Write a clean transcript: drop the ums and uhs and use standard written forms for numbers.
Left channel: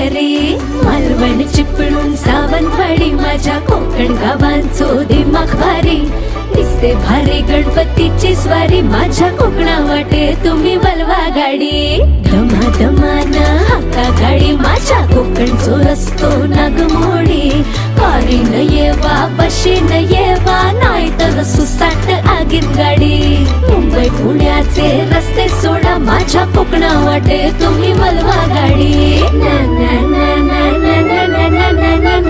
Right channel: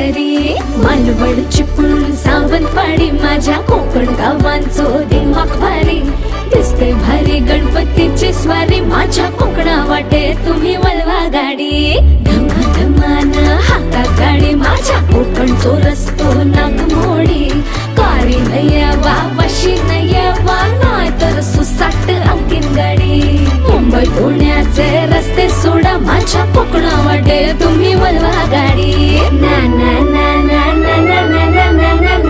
घरी. मालवण चिपळूण सावंतवाडी माझ्या कोकण गावांचो दिमाग भारी. दिसते भारी गणपतीची स्वारी माझ्या